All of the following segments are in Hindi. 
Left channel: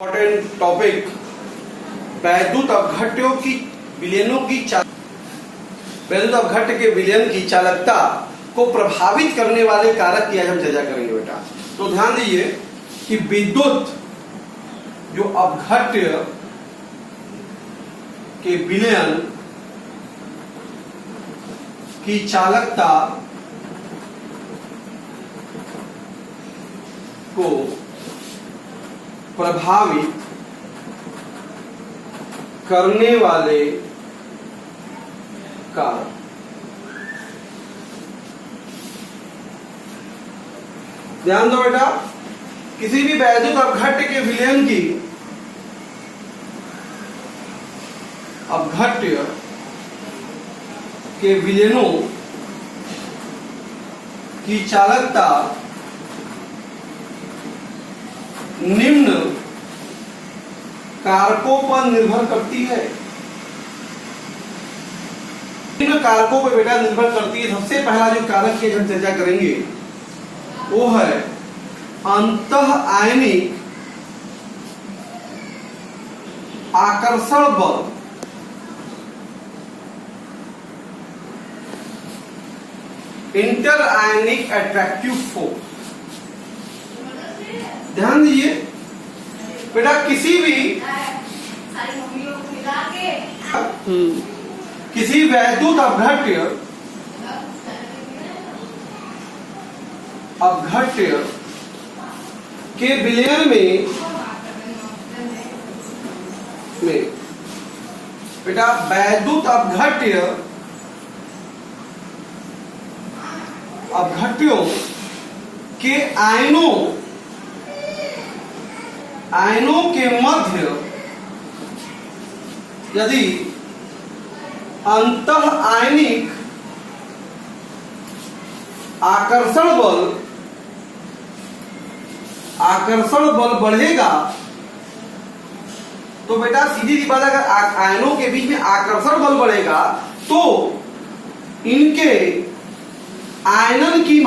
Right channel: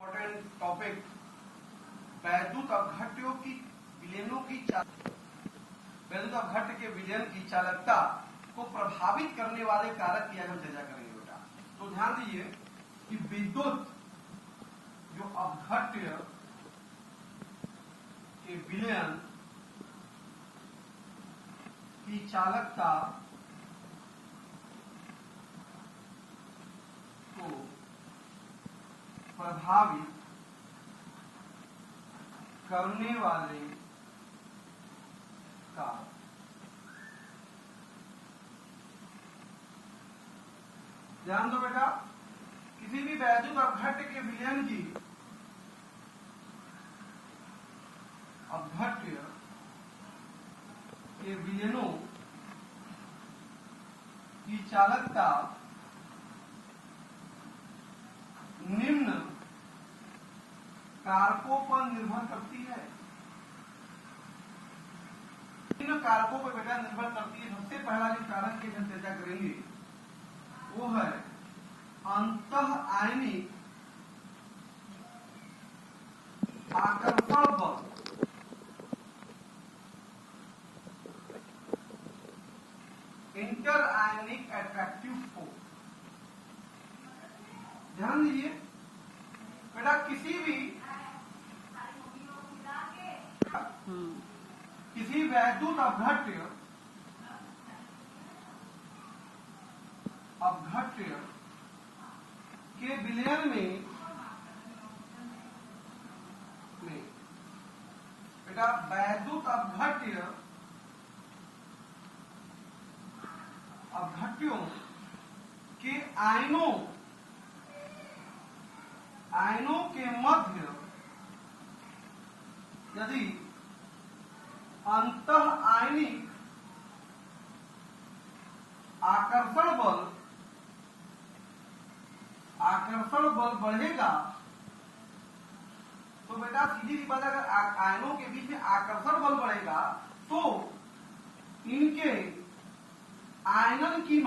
इम्पोर्टेंट टॉपिक वैद्युत अपघट्यों की विलयनों की वैद्युत अपघट्य के विलयन की चालकता को प्रभावित करने वाले कारक की आज हम चर्चा करेंगे बेटा। तो ध्यान दीजिए कि विद्युत जो अपघट्य के विलयन की चालकता को प्रभावित करने वाले कारक। ध्यान दो बेटा, किसी भी वैद्युत अपघट्य के विलयन की अपघट्य के विलयनों की चालकता निम्न कारकों पर निर्भर करती है। निम्न कारकों पर बेटा निर्भर करती है। सबसे पहला जो कारक की हम चर्चा करेंगे वो है अंतः आयनिक आकर्षण बल। इंटर आयनिक अट्रैक्टिव फोर्स। ध्यान दीजिए बेटा, किसी वैद्युत अपघट्य के विलयन में बेटा वैद्युत अपघट्यों के आयनों के मध्य यदि अंतः आयनिक आकर्षण बल बढ़ेगा तो बेटा सीधी सी बात, अगर आयनों के बीच में आकर्षण बल बढ़ेगा तो इनके आयनन की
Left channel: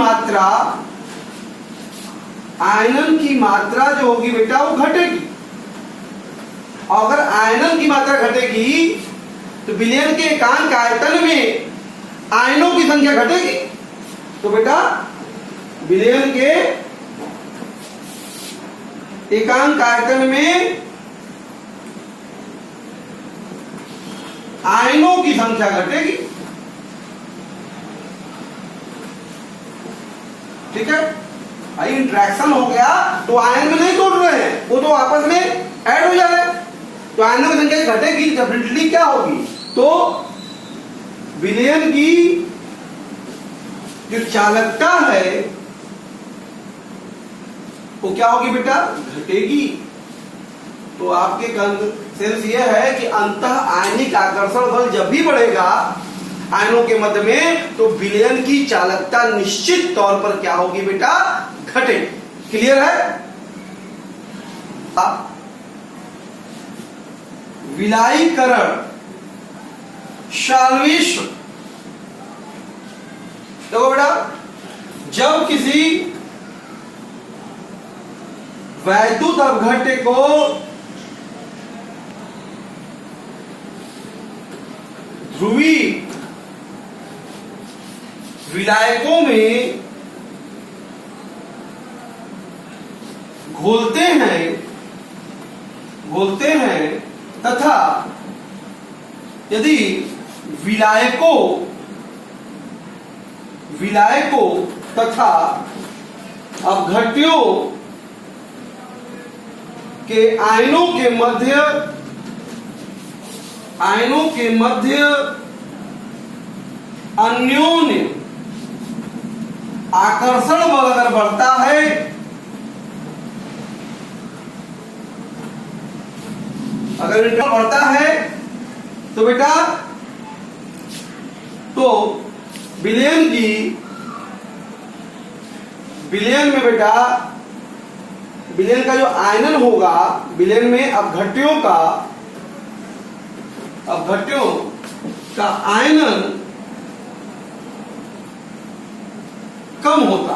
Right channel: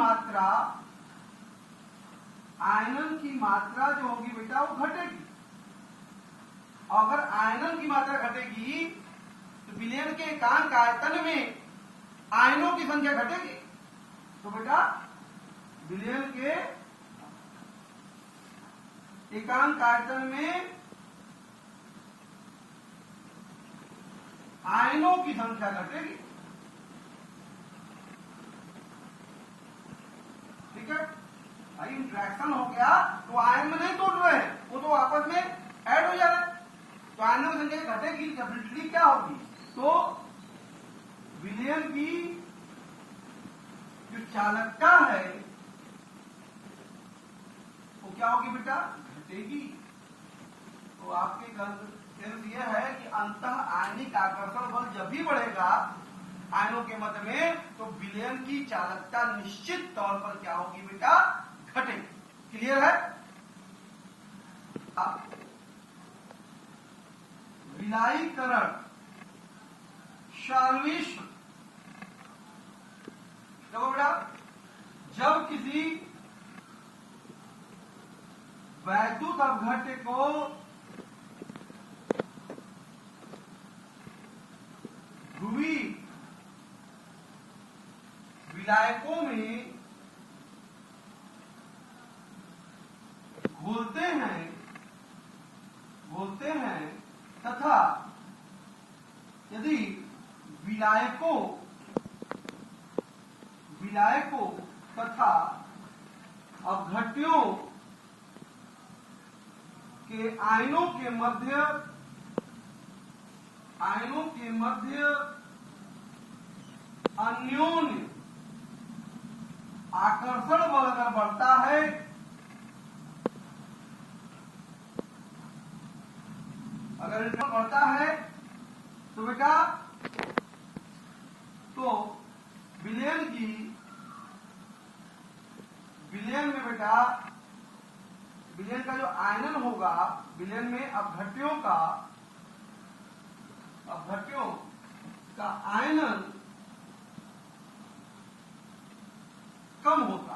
मात्रा जो होगी बेटा वो घटेगी। अगर आयनन की मात्रा घटेगी तो विलयन के एकांक आयतन में आयनों की संख्या घटेगी। तो बेटा विलयन के एकांक आयतन में आयनों की संख्या घटेगी। ठीक है भाई, इंट्रैक्शन हो गया तो आयन में नहीं तोड़ रहे हैं, वो तो आपस में ऐड हो जा रहे हैं, तो आयनों की संख्या घटेगी। डेफिनेटली क्या होगी, तो विलयन की जो चालकता है वो क्या होगी बेटा, घटेगी। तो आपके सेंस ये है कि अंतः आयनिक आकर्षण बल जब भी बढ़ेगा आयनों के मध्य में तो विलयन की चालकता निश्चित तौर पर क्या होगी बेटा, घटेगी। क्लियर है। विलायीकरण शाल्विश्व। देखो बेटा, जब किसी वैद्युत अपघट्य को ध्रुवी विलायकों में घोलते हैं तथा यदि विलायकों तथा अपघट्यों के आयनों के मध्य अन्योन्य आकर्षण बल अगर बढ़ता है तो बेटा तो विलयन में बेटा विलयन का जो आयनन होगा, विलयन में अपघट्यों का आयनन कम होता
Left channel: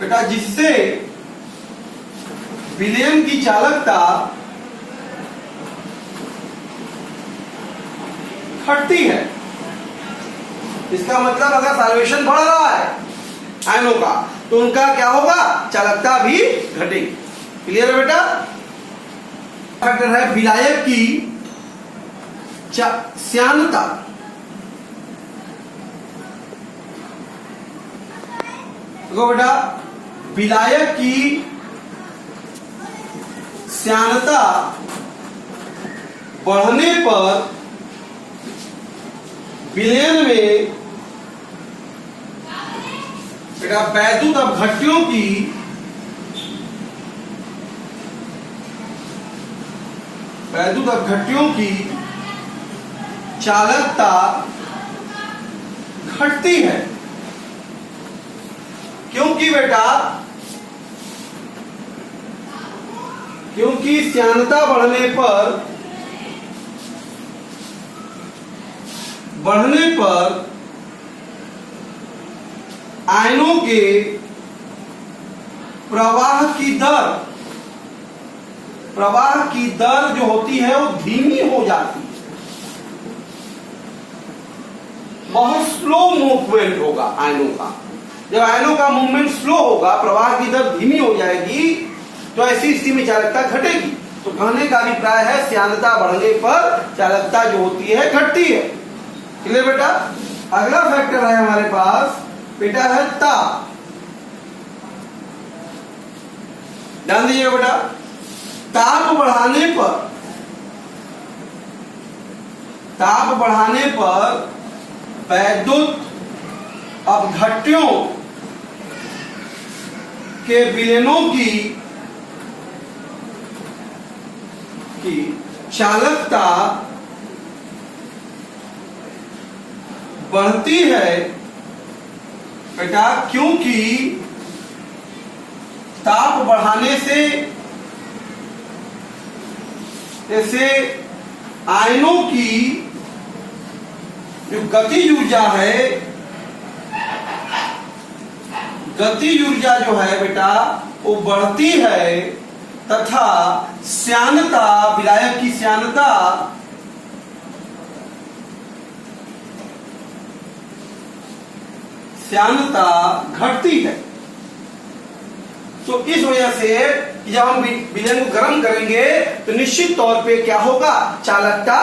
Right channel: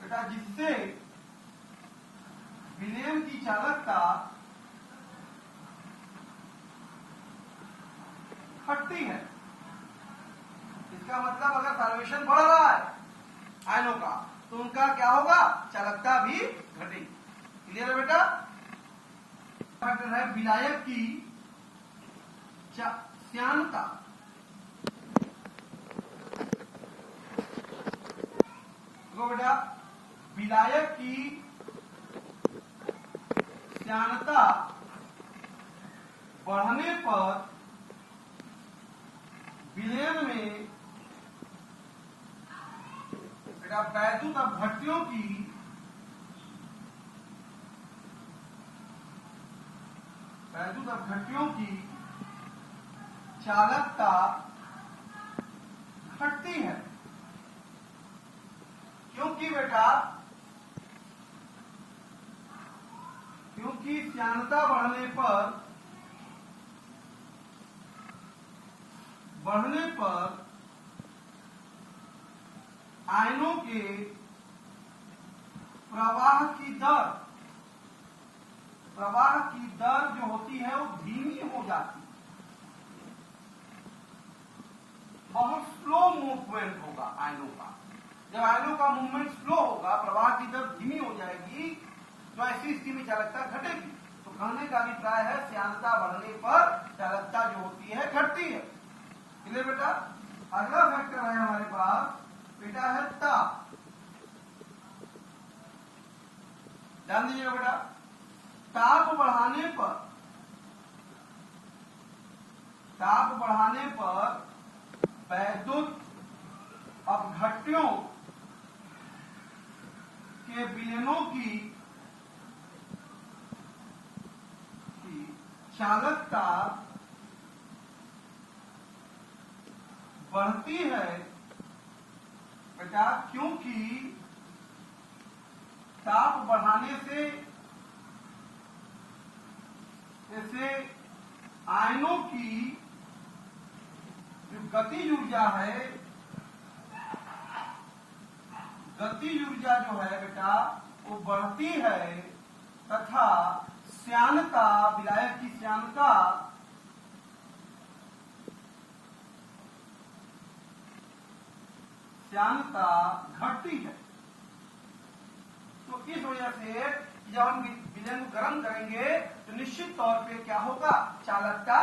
बेटा, जिससे विलयन की चालकता घटती है। इसका मतलब अगर सॉल्यूशन बढ़ रहा है आयनों का तो उनका क्या होगा, चालकता भी घटेगी। क्लियर है बेटा। फैक्टर है विलायक की श्यानता। देखो बेटा, विलायक की श्यानता बढ़ने पर विलयन में बेटा वैद्युत अपघट्यों की चालकता घटती है। क्योंकि बेटा, क्योंकि श्यानता बढ़ने पर आयनों के प्रवाह की दर जो होती है वो धीमी हो जाती है। बहुत स्लो मूवमेंट होगा आयनों का। जब आयनों का मूवमेंट स्लो होगा, प्रवाह की दर धीमी हो जाएगी, तो ऐसी स्थिति में चालकता घटेगी। तो कहने का अभिप्राय है श्यानता बढ़ने पर चालकता जो होती है घटती है। क्लियर बेटा। अगला फैक्टर है हमारे पास बेटा है ताप। ध्यान दीजिएगा बेटा, ताप बढ़ाने पर वैद्युत अपघट्यों के विलयनों की चालकता बढ़ती है बेटा, क्योंकि ताप बढ़ाने से जैसे आयनों की जो गति ऊर्जा जो है बेटा वो बढ़ती है, तथा श्यानता, विलायक की श्यानता घटती है। तो इस वजह से जब हम विलयन को गर्म करेंगे तो निश्चित तौर पे क्या होगा, चालकता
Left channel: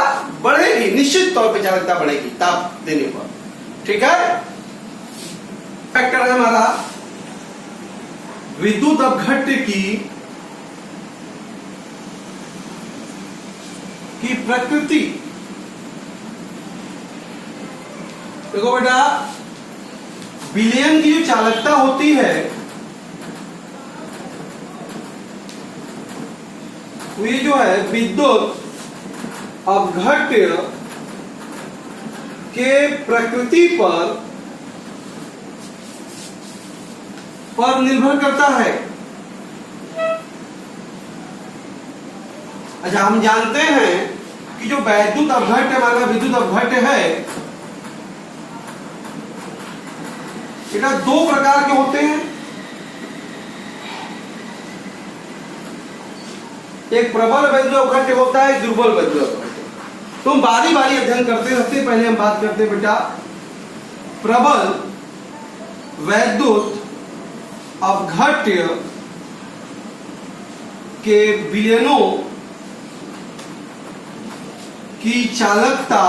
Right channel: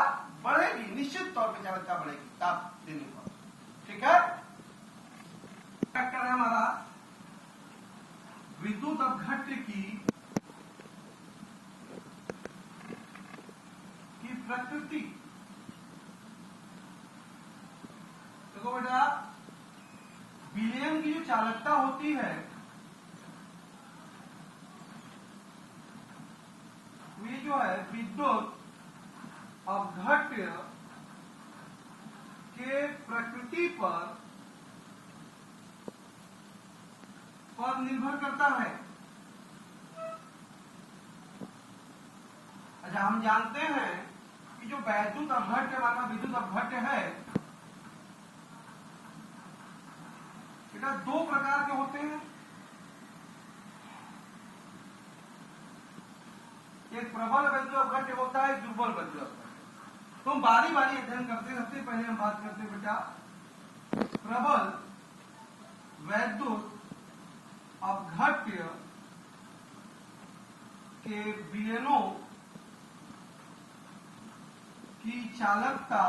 बढ़ेगी। निश्चित तौर पे चालकता बढ़ेगी ताप देने पर। ठीक है। फैक्टर है हमारा विद्युत अपघट्य की प्रकृति। देखो बेटा, विलयन की जो चालकता होती है ये जो है विद्युत अपघट्य के प्रकृति पर निर्भर करता है। अच्छा, हम जानते हैं कि जो वैद्युत अपघट्य हमारा विद्युत अपघट्य है बेटा दो प्रकार के होते हैं। एक प्रबल वैद्युत अपघट्य होता है, एक दुर्बल वैद्युत अपघट्य। तो हम बारी बारी अध्ययन करते रहते। पहले हम बात करते हैं बेटा प्रबल वैद्युत अपघट्य के विलयनों की चालकता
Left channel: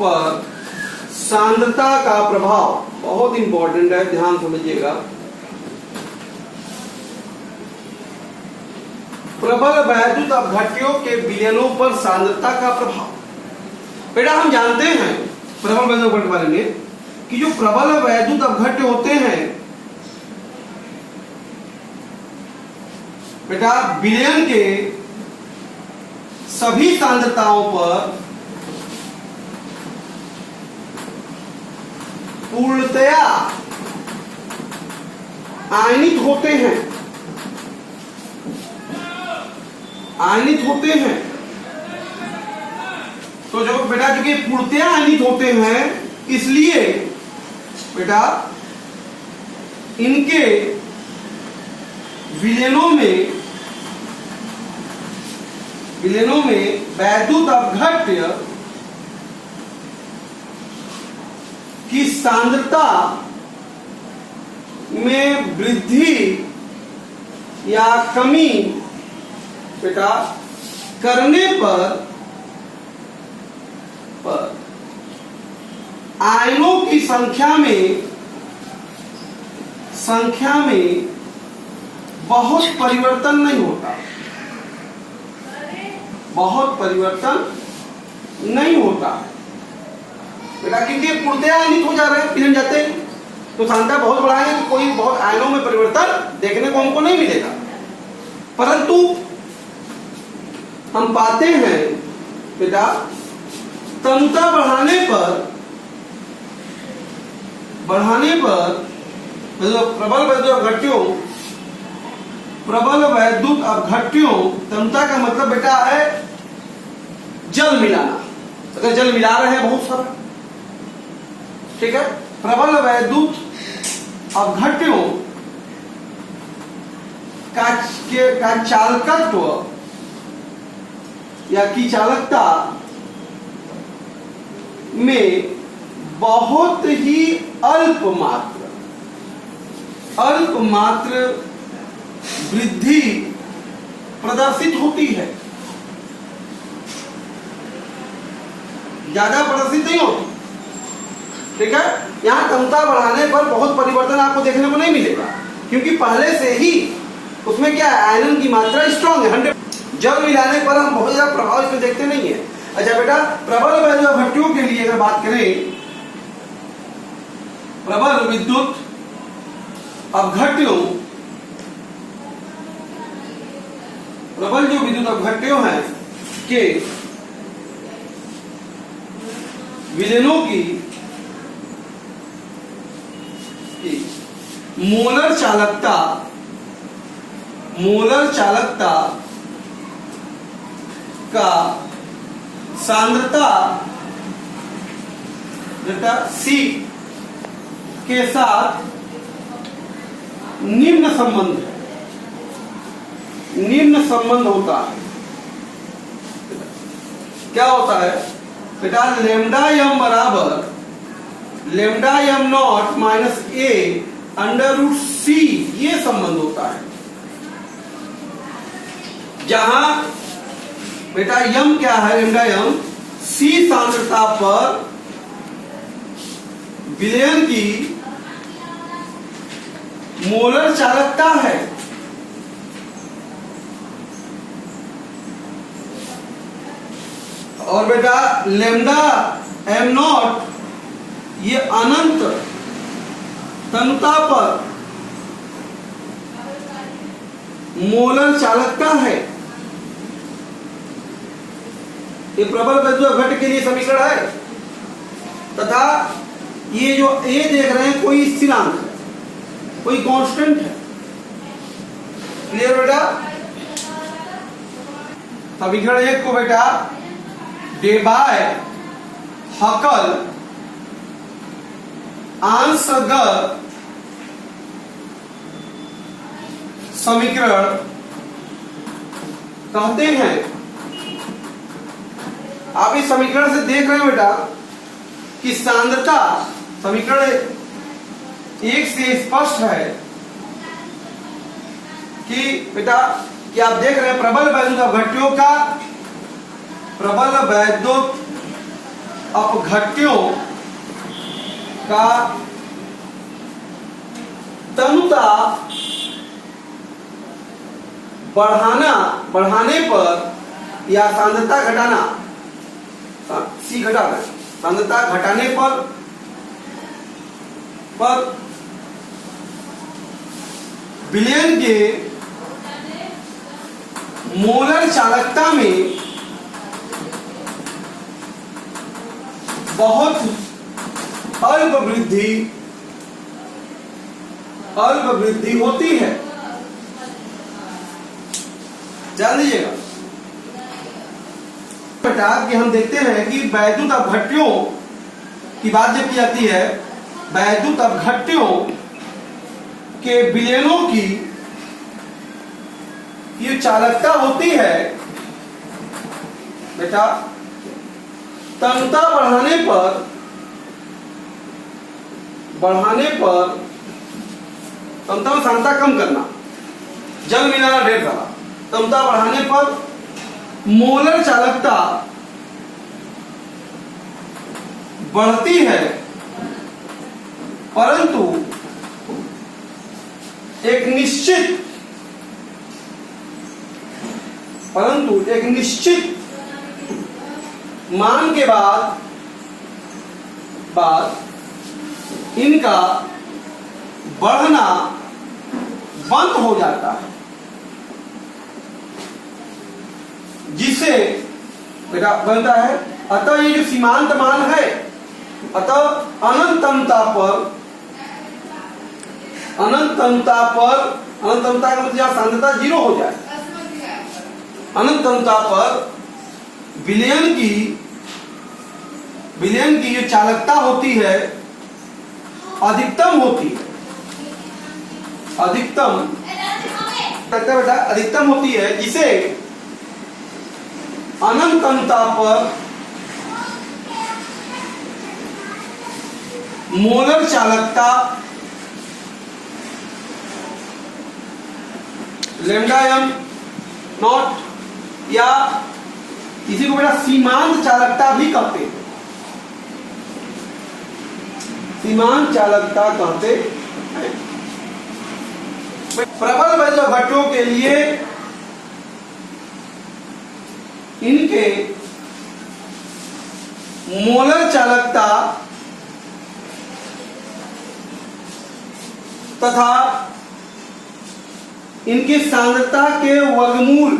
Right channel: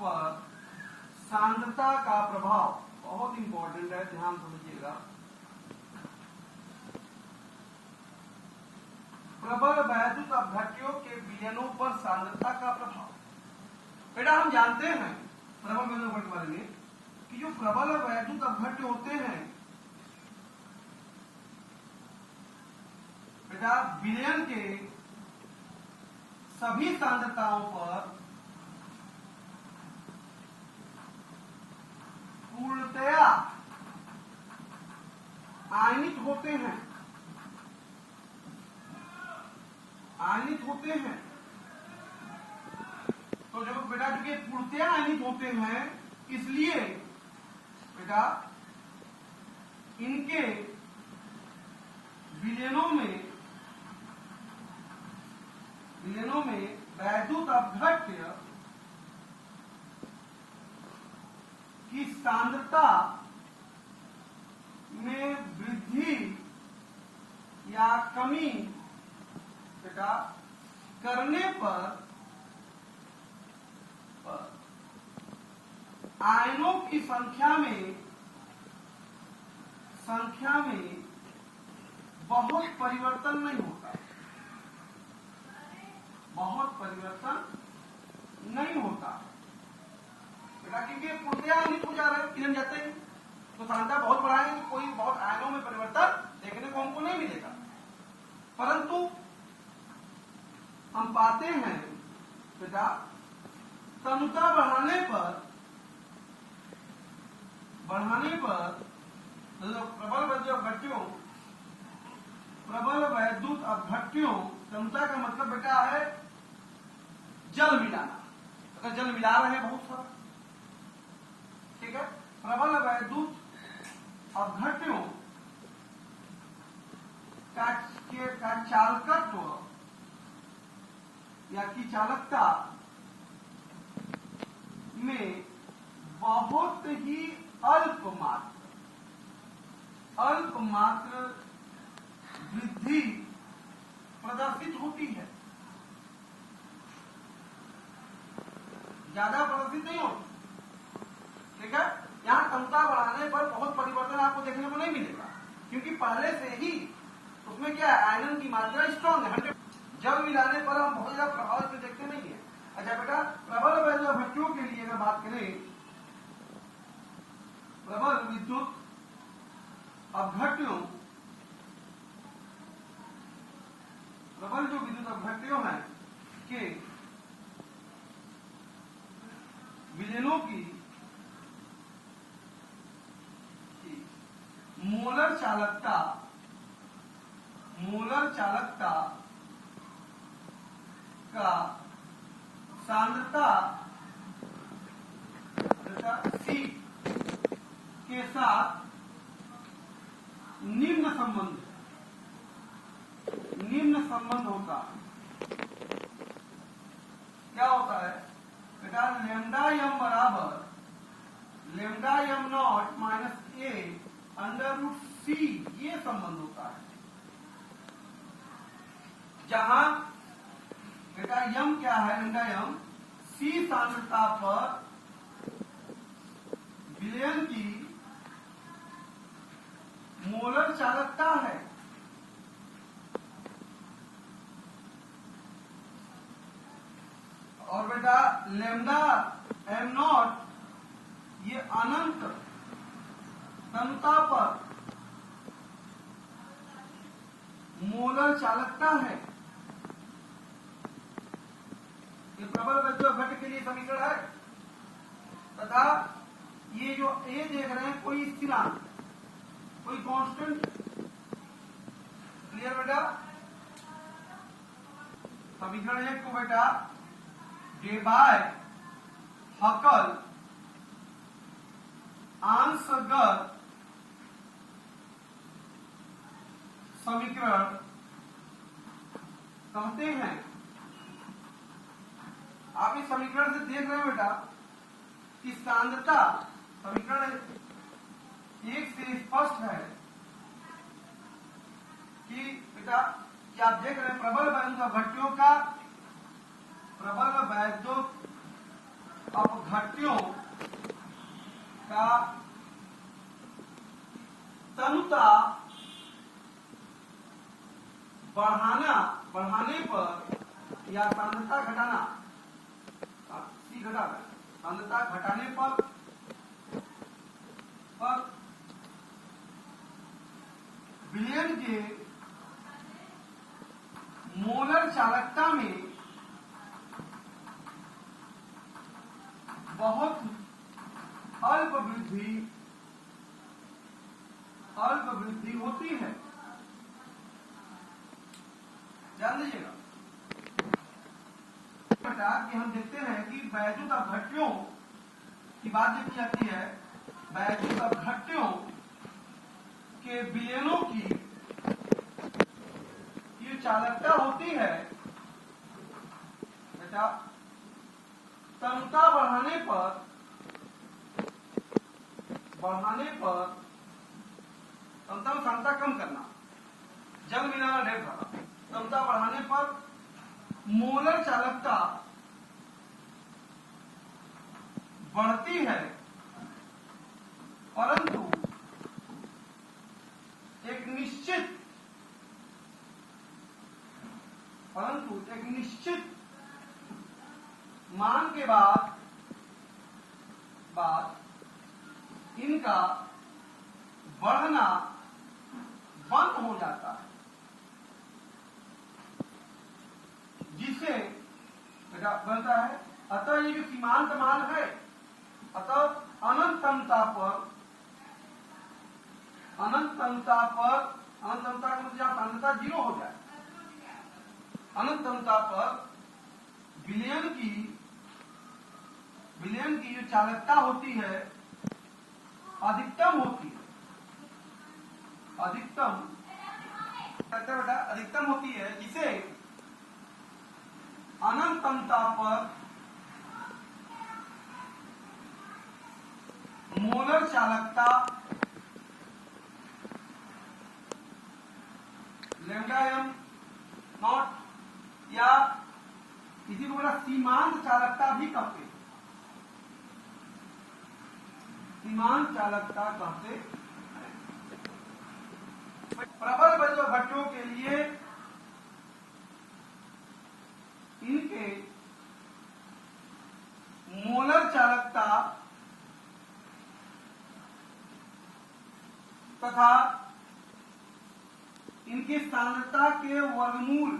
पर सांद्रता का प्रभाव बहुत इंपॉर्टेंट है, ध्यान समझिएगा। प्रबल वैद्युत अपघट्यों के विलयनों पर सांद्रता का प्रभाव। बेटा हम जानते हैं प्रबल वैद्युत अपघट्य बारे में कि जो प्रबल वैद्युत अपघट्य होते हैं बेटा विलयन के सभी सांद्रताओं पर पूर्णतया आयनित होते हैं। तो जो बेटा चूंकि पूर्णतया आयनित होते हैं इसलिए बेटा इनके विलयनों में वैद्युत अपघट्य की सांद्रता में वृद्धि या कमी बेटा करने पर आयनों की संख्या में बहुत परिवर्तन नहीं होता, बेटा, क्योंकि पूर्णतया आयनित हो जा रहे हैं, पिघल जाते हैं, तो सांद्रता बहुत बढ़ाएंगे तो कोई बहुत आयनों में परिवर्तन देखने को हमको नहीं मिलेगा। परंतु हम पाते हैं बेटा तनुता बढ़ाने पर प्रबल वैद्युत अपघट्यों, तनुता का मतलब बेटा है जल मिलाना। अगर जल मिला रहे हैं बहुत सारा, ठीक है, प्रबल वैद्युत अपघट्यों का चालकत्व या की चालकता में बहुत ही अल्प मात्र वृद्धि प्रदर्शित होती है, ज्यादा प्रदर्शित नहीं होती, ठीक है। यहां तनुता बढ़ाने पर बहुत परिवर्तन आपको देखने को नहीं मिलेगा, क्योंकि पहले से ही उसमें क्या है, आयरन की मात्रा स्ट्रांग है 100। जल मिलाने पर हम बहुत ज्यादा प्रभाव इसमें देखते नहीं है। अच्छा बेटा, प्रबल वैद्युत अपघट्यों के लिए अगर बात करें, प्रबल विद्युत अपघट्यों, प्रबल जो विद्युत अपघट्यों हैं के विलयनों की मोलर चालकता का सांद्रता बेटा C के साथ निम्न संबंध होता है। क्या होता है बेटा, लेमडा एम बराबर lambda M not minus A under root C, ये संबंध होता है, जहां बेटा यम क्या है, लेमडा एम सी सांद्रता पर विलयन की मोलर चालकता है। और बेटा लेमडा एम नॉट ये अनंत तनुता पर मोलर चालकता है। ये प्रबल वैद्युत अपघट्य के लिए समीकरण है, तथा ये जो ए देख रहे हैं कोई स्थिरांक है, कोई कांस्टेंट है। क्लियर बेटा? समीकरण 1 को बेटा डे बाय हकल अंशगत समीकरण कहते हैं। आप इस समीकरण से देख रहे हो बेटा कि सांद्रता, समीकरण 1 से स्पष्ट है कि बेटा कि आप देख रहे हैं प्रबल वैद्युत अपघट्यों का तनुता बढ़ाने पर या सांद्रता घटाना, सी घटाना, सांद्रता घटाने पर विलयन के मोलर चालकता में बहुत अल्प वृद्धि होती है। जान लीजिएगा बेटा कि हम देखते हैं कि वैद्युत अपघट्यों की बात जब की जाती है, वैद्युत अपघट्यों के विलयनों की ये चालकता होती है बेटा, तन्यता बढ़ाने पर तन्यता में सांद्रता कम करना, जल मिलाना ढेर सारा, तन्यता बढ़ाने पर मोलर चालकता बढ़ती है, परंतु एक निश्चित मान के बाद इनका बढ़ना बंद हो जाता है, जिससे बेटा बनता है। अतः ये जो सीमांत मान है, अतः अनंतता का मतलब जहां सांद्रता 0 हो जाए, अनंतता पर विलयन की जो चालकता होती है अधिकतम होती है, अधिकतम होती है, जिसे अनंतता पर मोलर चालकता लैम्डा m नॉट या इसी को बेटा सीमांत चालकता भी कहते हैं, सीमांत चालकता कहते हैं। प्रबल वैद्युत घटकों के लिए इनके मोलर चालकता तथा इनकी सांद्रता के वर्गमूल,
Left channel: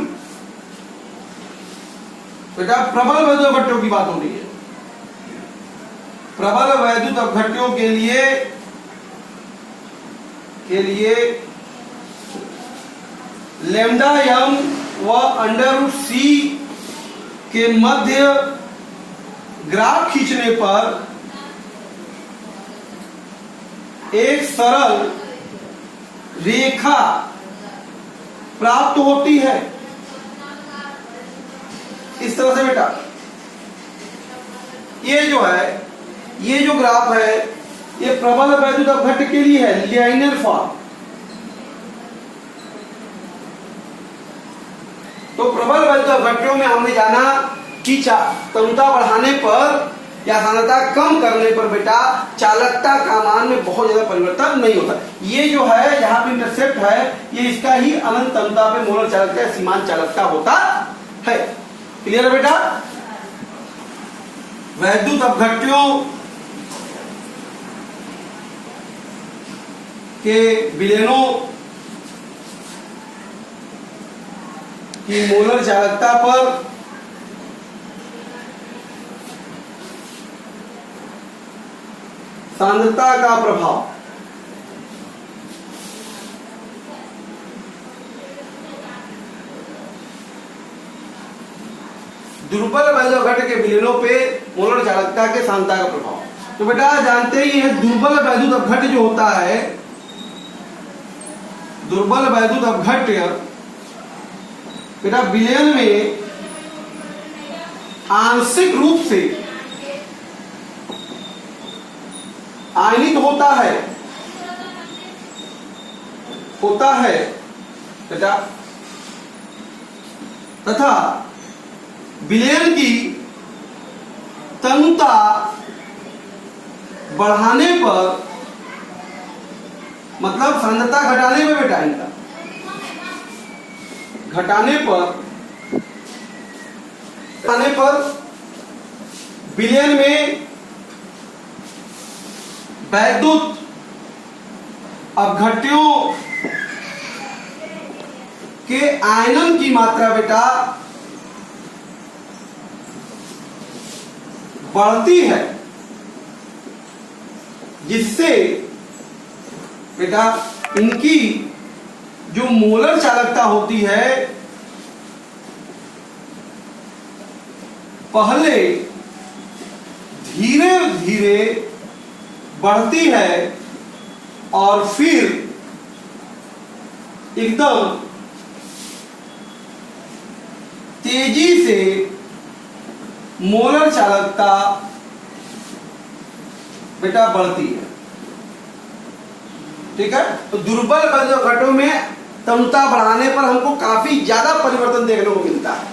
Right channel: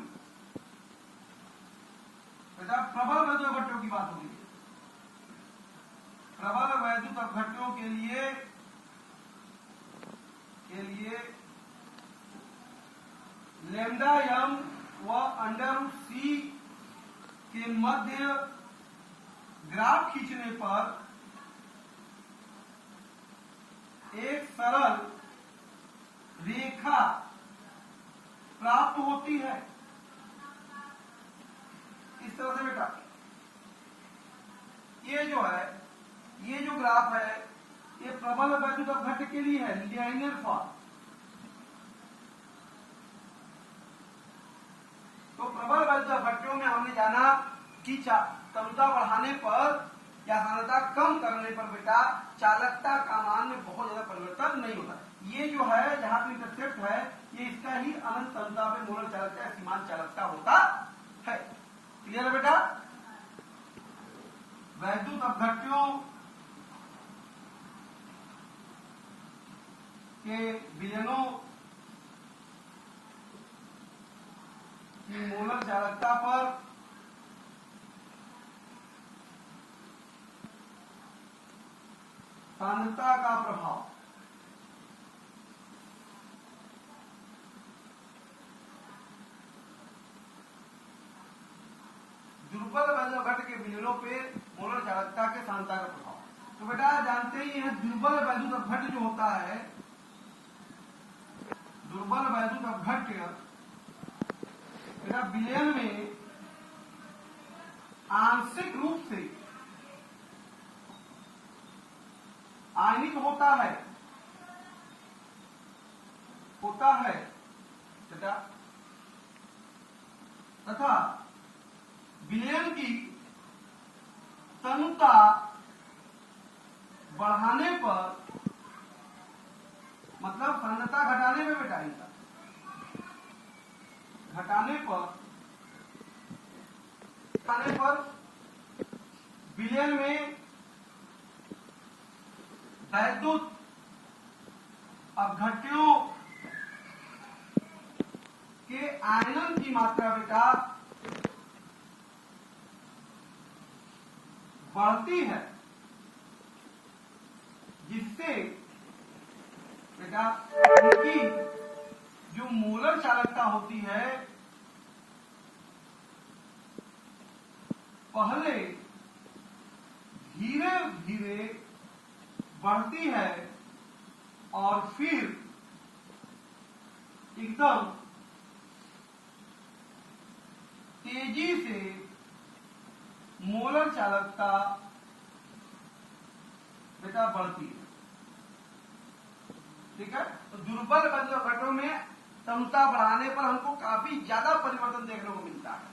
बेटा प्रबल वैद्युत अपघट्यों की बात हो रही है, प्रबल वैद्युत अपघट्यों के लिए लैम्डा m व √c के मध्य ग्राफ खींचने पर एक सरल रेखा प्राप्त होती है। इस तरह से बेटा ये जो ग्राफ है, ये प्रबल वैद्युत अपघट्य के लिए है, लाइनर फॉर्म। तो प्रबल वैद्युत अपघट्यों में हमने जाना कि तन्यता बढ़ाने पर या सांद्रता कम करने पर बेटा चालकता का मान में बहुत ज्यादा परिवर्तन नहीं होता। ये जो है जहां पे इंटरसेप्ट है, ये इसका ही अनंत तन्यता पे मोलर चालकता या सीमांत चालकता होता है। क्लियर है बेटा? वैद्युत अपघट्यों के विलयनों की मोलर चालकता पर सांद्रता का प्रभाव, दुर्बल वैद्युत अपघट्य के विलयनों पे मोलर चालकता के सांद्रता का प्रभाव। तो बेटा जानते ही है दुर्बल वैद्युत अपघट्य जो होता है, दुर्बल वैद्युत अपघट्य बेटा विलयन में आंशिक रूप से आयनित होता है बेटा, तथा विलयन की तन्यता बढ़ाने पर, मतलब सांद्रता घटाने में बेटा, इनका घटाने पर विलयन में वैद्युत अपघट्यों के आयनन की मात्रा बेटा बढ़ती है, जिससे बेटा इनकी जो मोलर चालकता होती है पहले धीरे धीरे बढ़ती है और फिर एकदम तेजी से मोलर चालकता बेटा बढ़ती है। ठीक है, तो दुर्बल बंधक घटों में तनुता बढ़ाने पर हमको काफी ज्यादा परिवर्तन देखने को मिलता है।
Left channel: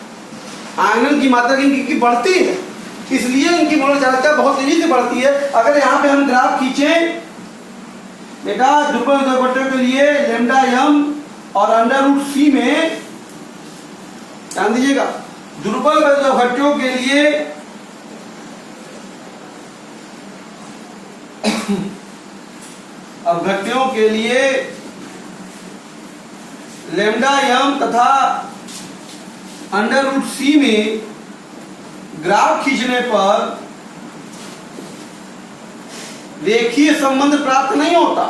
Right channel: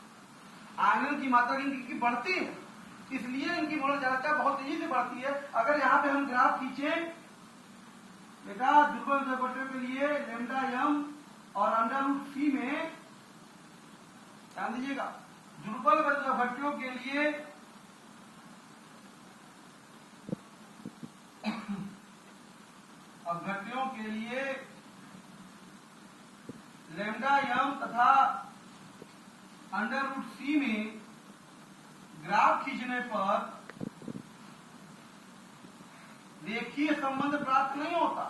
आयनन की मात्रा इनकी बढ़ती है, इसलिए इनकी मोलर चालकता बहुत तेजी से बढ़ती है। अगर यहाँ पे हम ग्राफ खींचें बेटा दुर्बल बंधक घटों के लिए लैम्डा एम और √c में, ध्यान दीजिएगा, दुर्बल बंधक घटों के लिए अपघट्यों के लिए लैम्डा एम तथा √c में ग्राफ खींचने पर रेखीय संबंध प्राप्त नहीं होता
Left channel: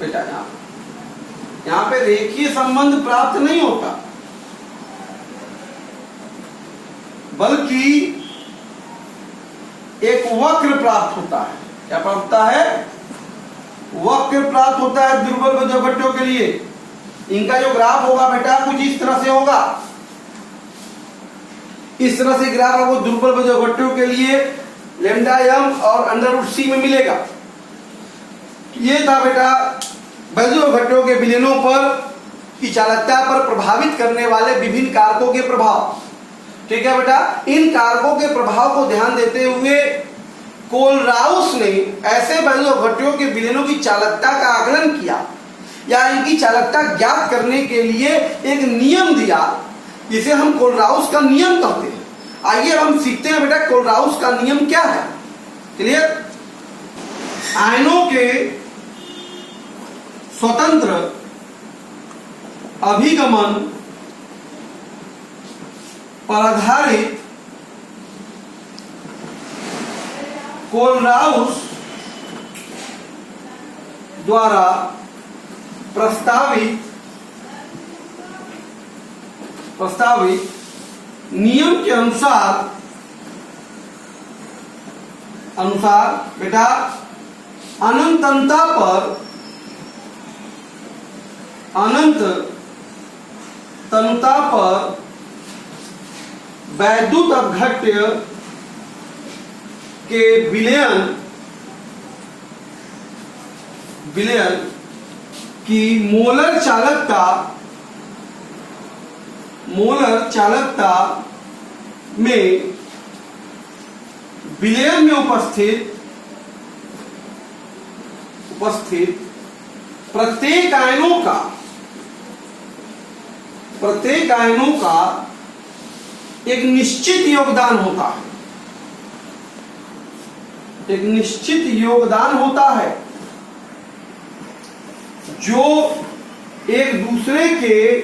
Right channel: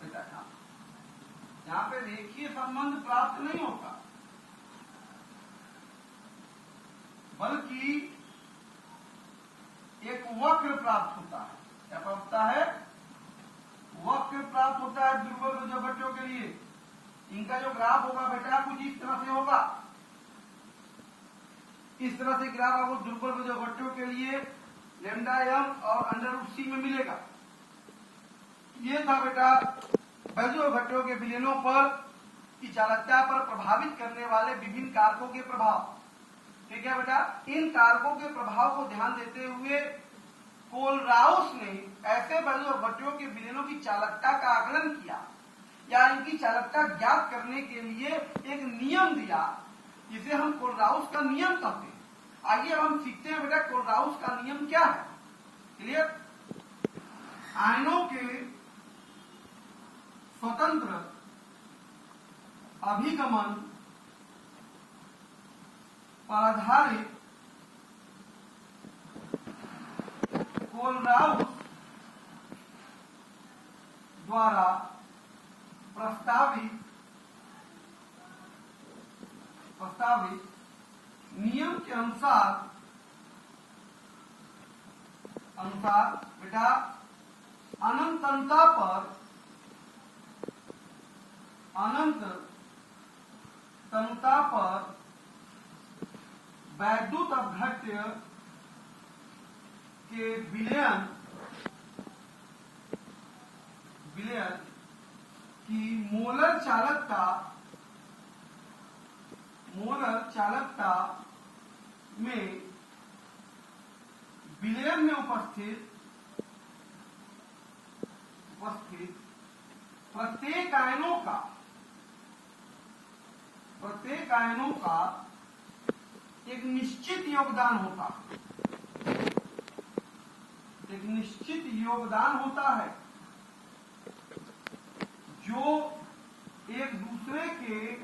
बेटा। यहां पे रेखीय संबंध प्राप्त नहीं होता, बल्कि एक वक्र प्राप्त होता है। क्या प्राप्त होता है? वक्र प्राप्त होता है दुर्बल बंधक घटों के लिए। इनका जो ग्राफ होगा बेटा कुछ इस तरह से होगा, इस तरह से ग्राफ आपको दुर्बल बंधक घटों के लिए लैम्डा एम और √c में मिलेगा। ये था बेटा बंधक घटों के विलयनों पर की चालकता पर प्रभावित करने वाले विभिन्न कारकों के प्रभाव। ठीक है बेटा, इन कारकों के प्रभाव को ध्यान देते हुए कोलराउस ने ऐसे बंधक घटों के विलयनों की चालकता का आकलन किया या इनकी चालकता ज्ञात करने के लिए एक नियम दिया, जिसे हम कोलराउस का नियम कहते हैं। आइए हम सीखते हैं बेटा कोलराउस का नियम क्या है। क्लियर? आयनों के स्वतंत्र अभिगमन पर आधारित कोलराउस द्वारा प्रस्तावित नियम के अनुसार बेटा अनंत तनुता पर वैद्युत अपघट्य के विलयन की मोलर चालकता में विलयन में उपस्थित प्रत्येक आयनों का एक निश्चित योगदान होता है, जो एक दूसरे के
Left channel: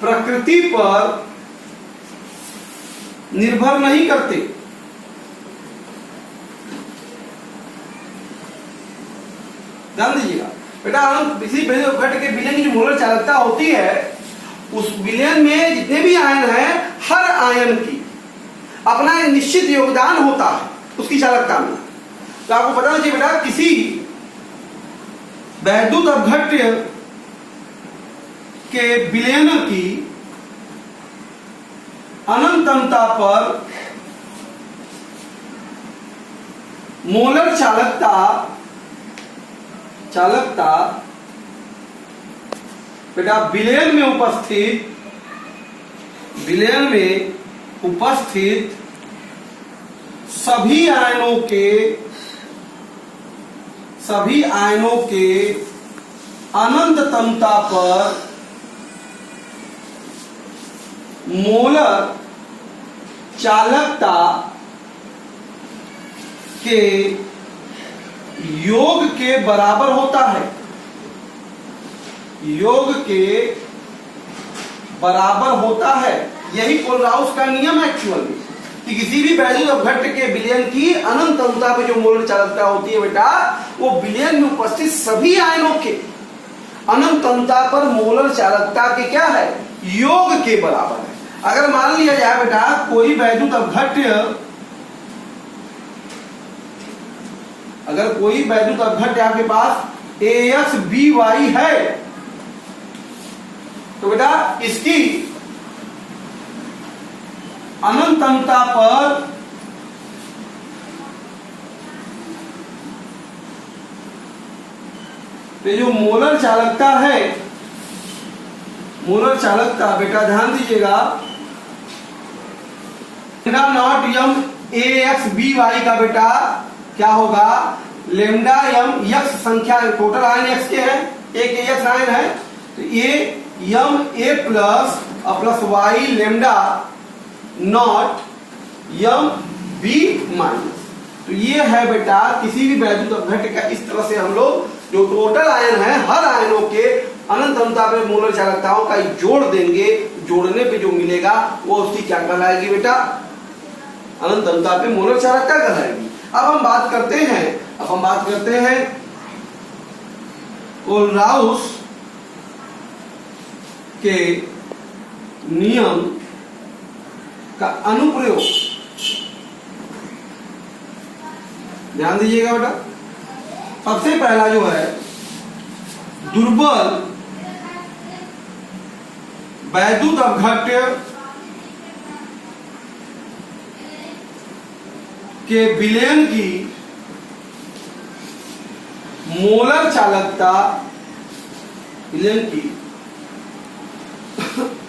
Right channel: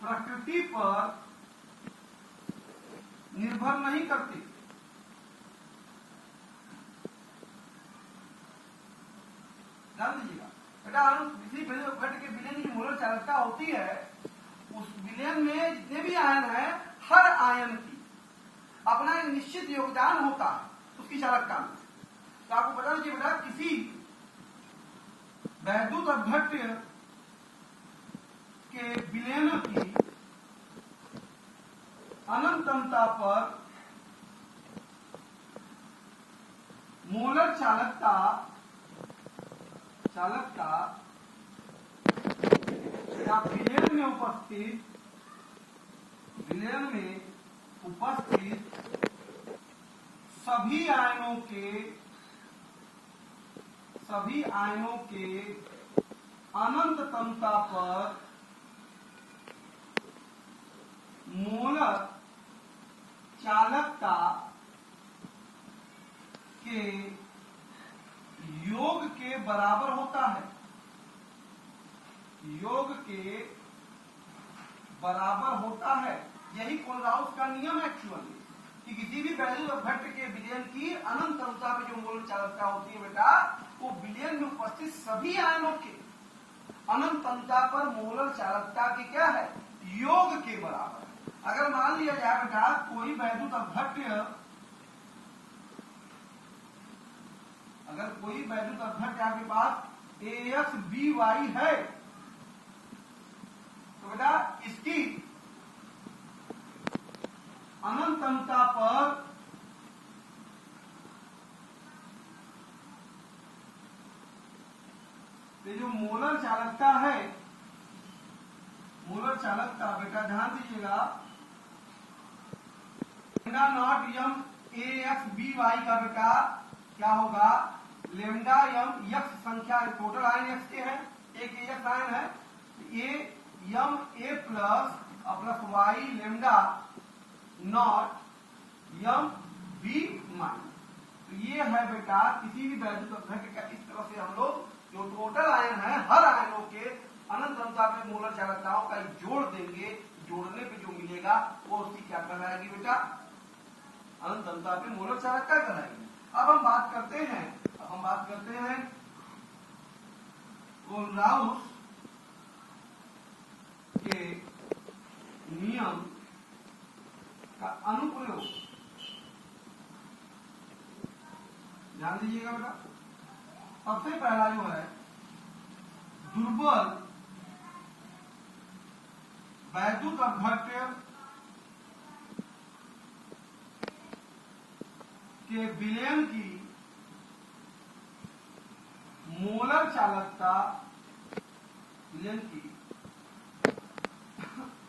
प्रकृति पर निर्भर नहीं करते। ध्यान दीजिएगा बेटा, हम किसी बंधक घट के विलयन की जो मोलर चालकता होती है, उस विलयन में जितने भी आयन हैं, हर आयन की अपना एक निश्चित योगदान होता है उसकी चालकता में। तो आपको पता चाहिए बेटा, किसी वैद्युत अपघट्य के विलयन की अनंतता पर मोलर चालकता बेटा विलयन में उपस्थित सभी आयनों के अनंत तनुता पर मोलर चालकता के योग के बराबर होता है। यही कोलराउस का नियम है एक्चुअली, कि किसी भी वैद्युत अपघट्य के विलयन की अनंत तनुता पे जो मोलर चालकता होती है बेटा, वो विलयन में उपस्थित सभी आयनों के अनंत तनुता पर मोलर चालकता के क्या है? योग के बराबर है। अगर मान लिया जाए बेटा कोई वैद्युत अपघट्य आपके पास AX BY है, तो बेटा इसकी अनंतता पर तो जो मोलर चालकता है, मोलर चालकता बेटा ध्यान दीजिएगा, lambda not M AX BY का बेटा क्या होगा, लेमडा यम यक्स संख्या, टोटल आयन एक्स के हैं, एक एक्स आयन है, तो ये M A plus plus Y lambda not M B minus. तो ये है बेटा किसी भी वैद्युत अपघट्य का, इस तरह से हम लोग जो टोटल आयन है हर आयनों के अनंतता पे मोलर चालकताओं का जोड़ देंगे, जोड़ने पे जो मिलेगा वो उसकी क्या कहलाएगी बेटा, अनंतता पे मोलर चालकता कहलाएगी। अब हम बात करते हैं कोलराउस के नियम का अनुप्रयोग। ध्यान दीजिएगा बेटा, सबसे पहला जो है दुर्बल वैद्युत अपघट्य के विलयन की मोलर चालकता, विलयन की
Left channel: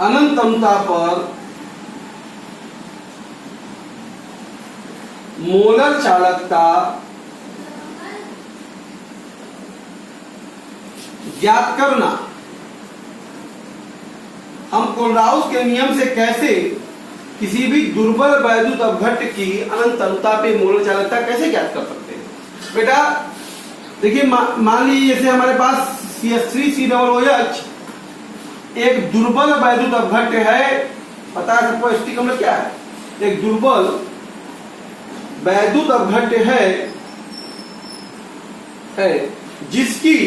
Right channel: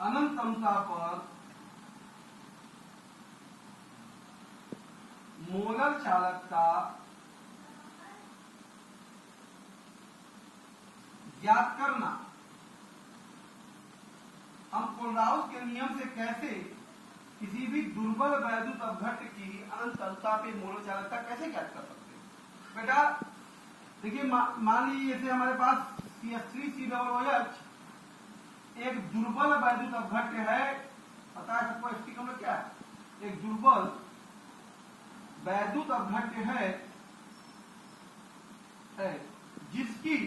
अनंतता पर मोलर चालकता ज्ञात करना। हम कोलराउस के नियम से कैसे किसी भी दुर्बल वैद्युत अपघट्य की अनंतता पे मोलर चालकता कैसे ज्ञात कर सकते हैं बेटा, देखिए मान लीजिए जैसे हमारे पास CH3COOH एक दुर्बल वैद्युत अपघट्य है, पता है सबको एस्टिक अम्ल क्या है, एक दुर्बल वैद्युत अपघट्य है जिसकी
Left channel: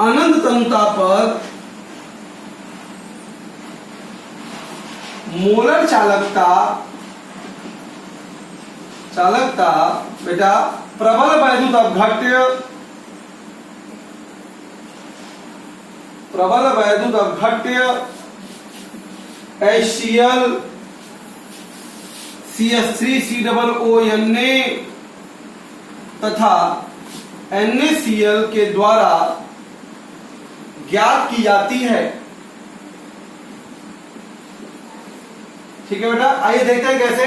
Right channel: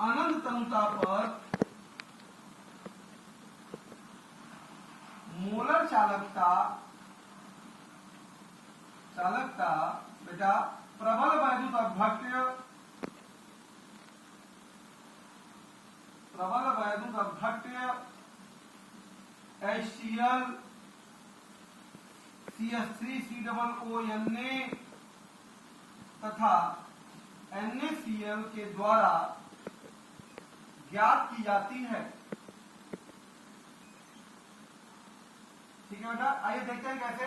अनंतता पर मोलर चालकता बेटा प्रबल वैद्युत अपघट्य HCl CH3COONA तथा NaCl के द्वारा ज्ञात की जाती है। ठीक है बेटा, आइए देखते हैं कैसे।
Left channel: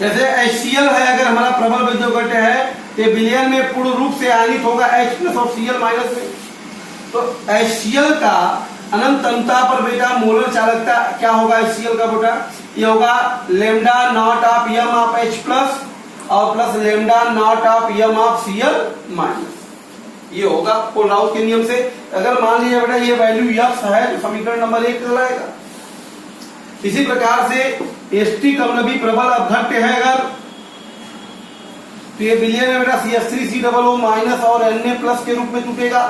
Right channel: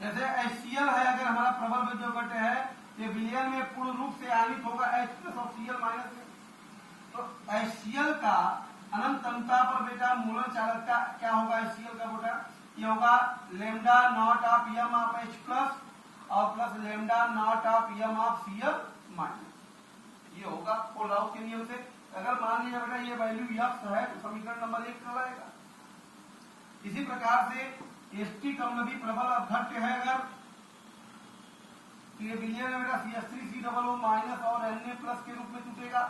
जैसे HCl है, अगर हमारा प्रबल वैद्युत अपघट्य है तो विलयन में पूर्ण रूप से आयनित होगा H प्लस और Cl माइनस में, तो HCl का अनंतता पर बेटा मोलर चालकता क्या होगा, HCl का बेटा ये होगा lambda not of Yama of H plus और plus lambda not of Yama of Cl minus, ये होगा कोलराउस के नियम से। अगर मान लीजिए बेटा ये वैल्यू यक्स है तो समीकरण नंबर 1 कहलाएगा। इसी प्रकार से एस्टिक अम्ल भी प्रबल अपघट्य है अगर, तो ये विलयन में बेटा CH3COO माइनस और Na प्लस के रूप में टूटेगा,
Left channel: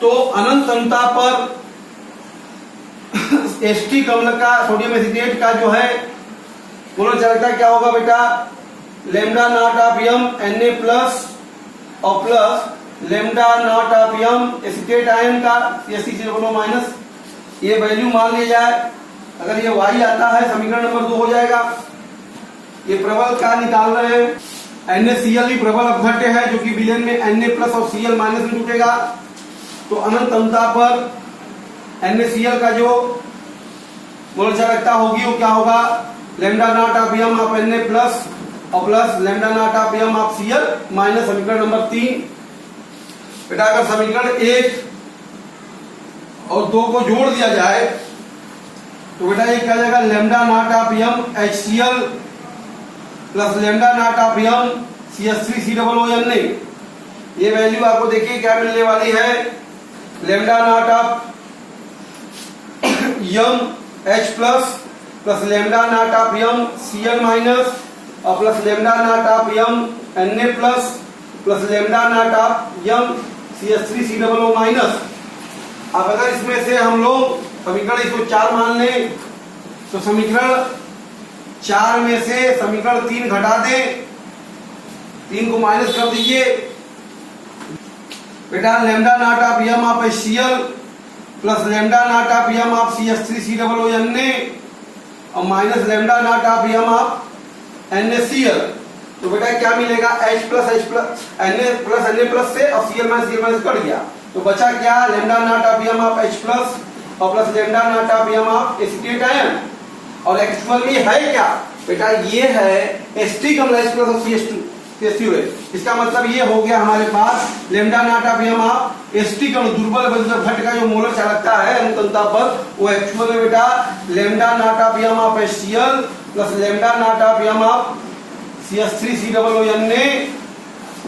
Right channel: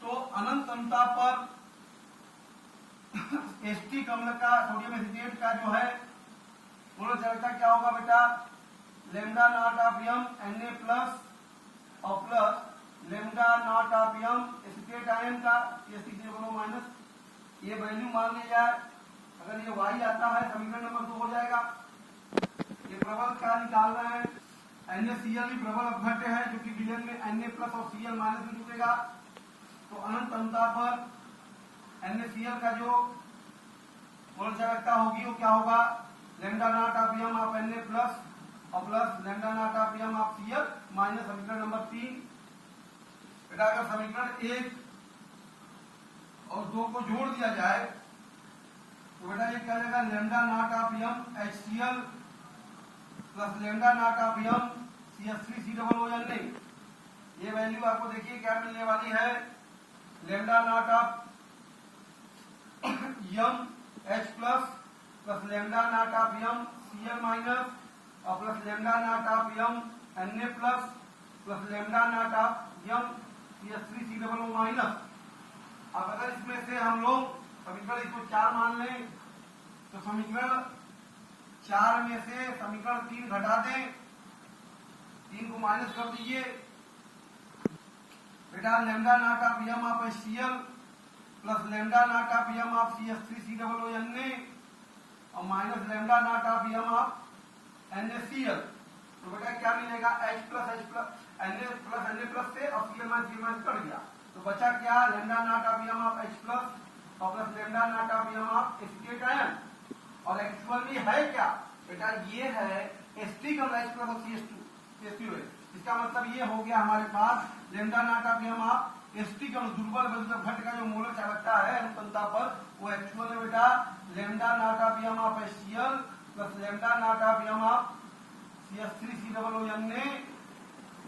तो अनंतता पर एस्टिक अम्ल का सोडियम एसिटेट का जो है मोलर चालकता क्या होगा बेटा, lambda not of M Na plus और plus lambda not of M acetate ion का CH3COO माइनस, ये वैल्यू मान लिया जाए, अगर ये y आता है समीकरण नंबर 2 हो जाएगा। ये प्रबल का निकाल रहे हैं, NaCl भी प्रबल अपघट्य है जो कि विलयन में Na प्लस और Cl माइनस में टूटेगा, तो अनंतता पर NaCl का जो मोलर चालकता होगी वो क्या होगा, lambda not of Yama of Na plus और plus lambda not of Yama of Cl minus समीकरण नंबर 3। बेटा अगर समीकरण 1 और 2 को जोड़ दिया जाए तो बेटा ये क्या हो जाएगा, lambda not of M HCl plus lambda not of M CH3COONA, ये वैल्यू आपको देखिए क्या मिलने वाली है, lambda not of M H plus plus lambda not of M Cl minus और plus lambda not of M Na plus lambda not of M CH3COO minus. अब अगर इसमें से हम लोग समीकरण इसको 4 मान लें तो समीकरण 4 में से समीकरण 3 घटा दें, 3 को माइनस कर दीजिए बेटा। Lambda not of Yama of HCl plus lambda not of Yama of CH3COO Na और minus lambda not of Yama of NaCl। तो बेटा क्या मिलेगा, H प्लस Na से और Cl माइनस कट गया तो बचा क्या, lambda not of Yama of H plus और plus lambda not of Yama of acetate ion. और एक्चुअली है क्या बेटा, ये है एसिटिक अम्ल H प्लस और CH2 है। इसका मतलब ये हो गया हमारे पास lambda not of Yama of acetic अम्ल दुर्बल बंधक घट का जो मोलर चालकता है अनुतंता पर, वो एक्चुअल में बेटा lambda not of Yama of HCl plus lambda not of Yama of CH3COO Na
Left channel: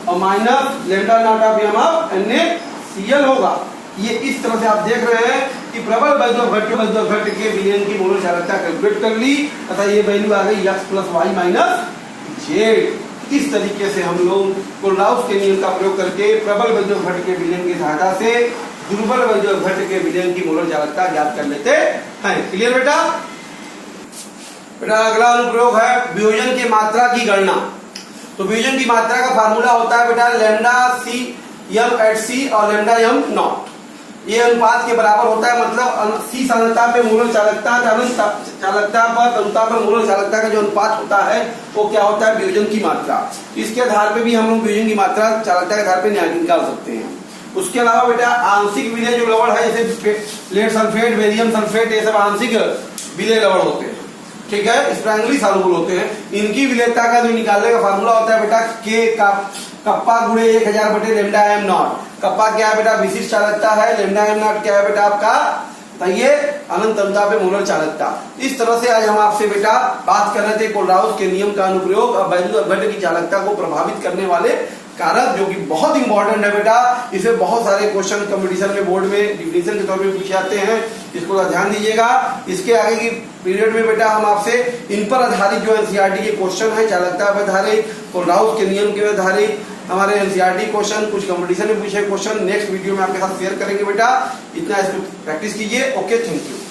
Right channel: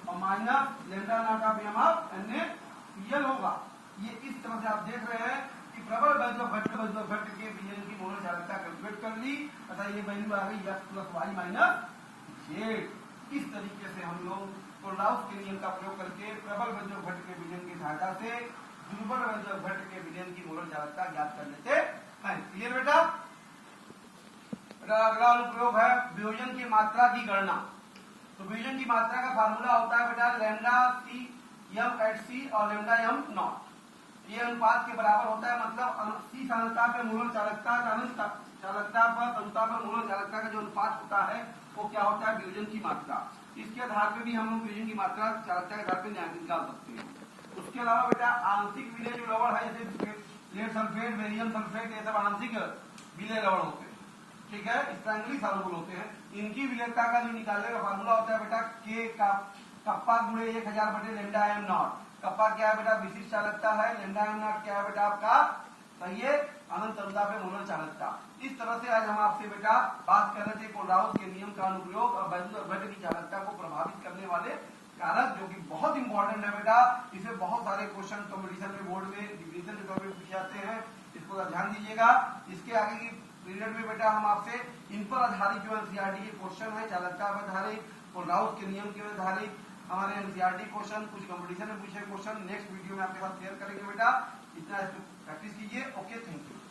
और minus lambda not of Yama of NaCl होगा। ये इस तरह से आप देख रहे हैं कि प्रबल वैद्युत घट के विलयन की मोलर चालकता कैलकुलेट कर ली तथा ये वैल्यू आ गई x plus Y minus Z. इस तरीके से हम लोग कोलराउस के नियम का प्रयोग करके प्रबल वैद्युत घट के विलयन की सहायता से दुर्बल वैद्युत घट के विलयन की मोलर चालकता ज्ञात कर लेते हैं। क्लियर बेटा? बेटा अगला अनुप्रयोग है वियोजन की मात्रा की गणना। तो वियोजन की मात्रा का फार्मूला होता है बेटा लेमडा सी यम एट सी और लेमडा यम नॉट। ये अनुपात के बराबर होता है, मतलब सी सांद्रता पे मोलर चालकता चालकता पर सांद्रता पर मोलर चालकता का जो अनुपात होता है वो क्या होता है, वियोजन की मात्रा। इसके आधार पे भी हम लोग वियोजन की मात्रा चालकता के आधार पे निकाल सकते हैं। उसके अलावा बेटा आंशिक विलय जो लवण है जैसे लेड सल्फेट, बेरियम सल्फेट, ये सब आंशिक विलय लवण होते हैं, ठीक है, स्प्रैंगली सॉल्युबल होते हैं। इनकी विलेयता का जो निकालने का फार्मूला होता है बेटा के का कप्पा गुणे 1000 बटे लेमडा एम नॉट। कप्पा क्या है बेटा, विशिष्ट चालकता है। लेमडा एम नॉट क्या है बेटा आपका, तो ये अनंत अंतता पे मोलर चालकता। इस तरह से आज हम आपसे बेटा बात कर रहे थे कोलराउस के नियम का अनुप्रयोग और वैद्युत घट की चालकता को प्रभावित करने वाले कारक, जो कि बहुत इंपॉर्टेंट है बेटा। इसे बहुत सारे क्वेश्चन कंपटीशन में बोर्ड में डिफिनेशन के तौर पे पूछे जाते हैं, इसको ध्यान दीजिएगा। इसके आगे की पीरियड में बेटा हम आपसे इन पर आधारित जो एनसीईआरटी के क्वेश्चन है, चालकता पर आधारित, कोलराउस के नियम के आधारित हमारे एनसीईआरटी क्वेश्चन, कुछ कंपटीशन में पूछे क्वेश्चन नेक्स्ट वीडियो में आपके साथ शेयर करेंगे बेटा। इतना इसको प्रैक्टिस कीजिए। Okay, thank you.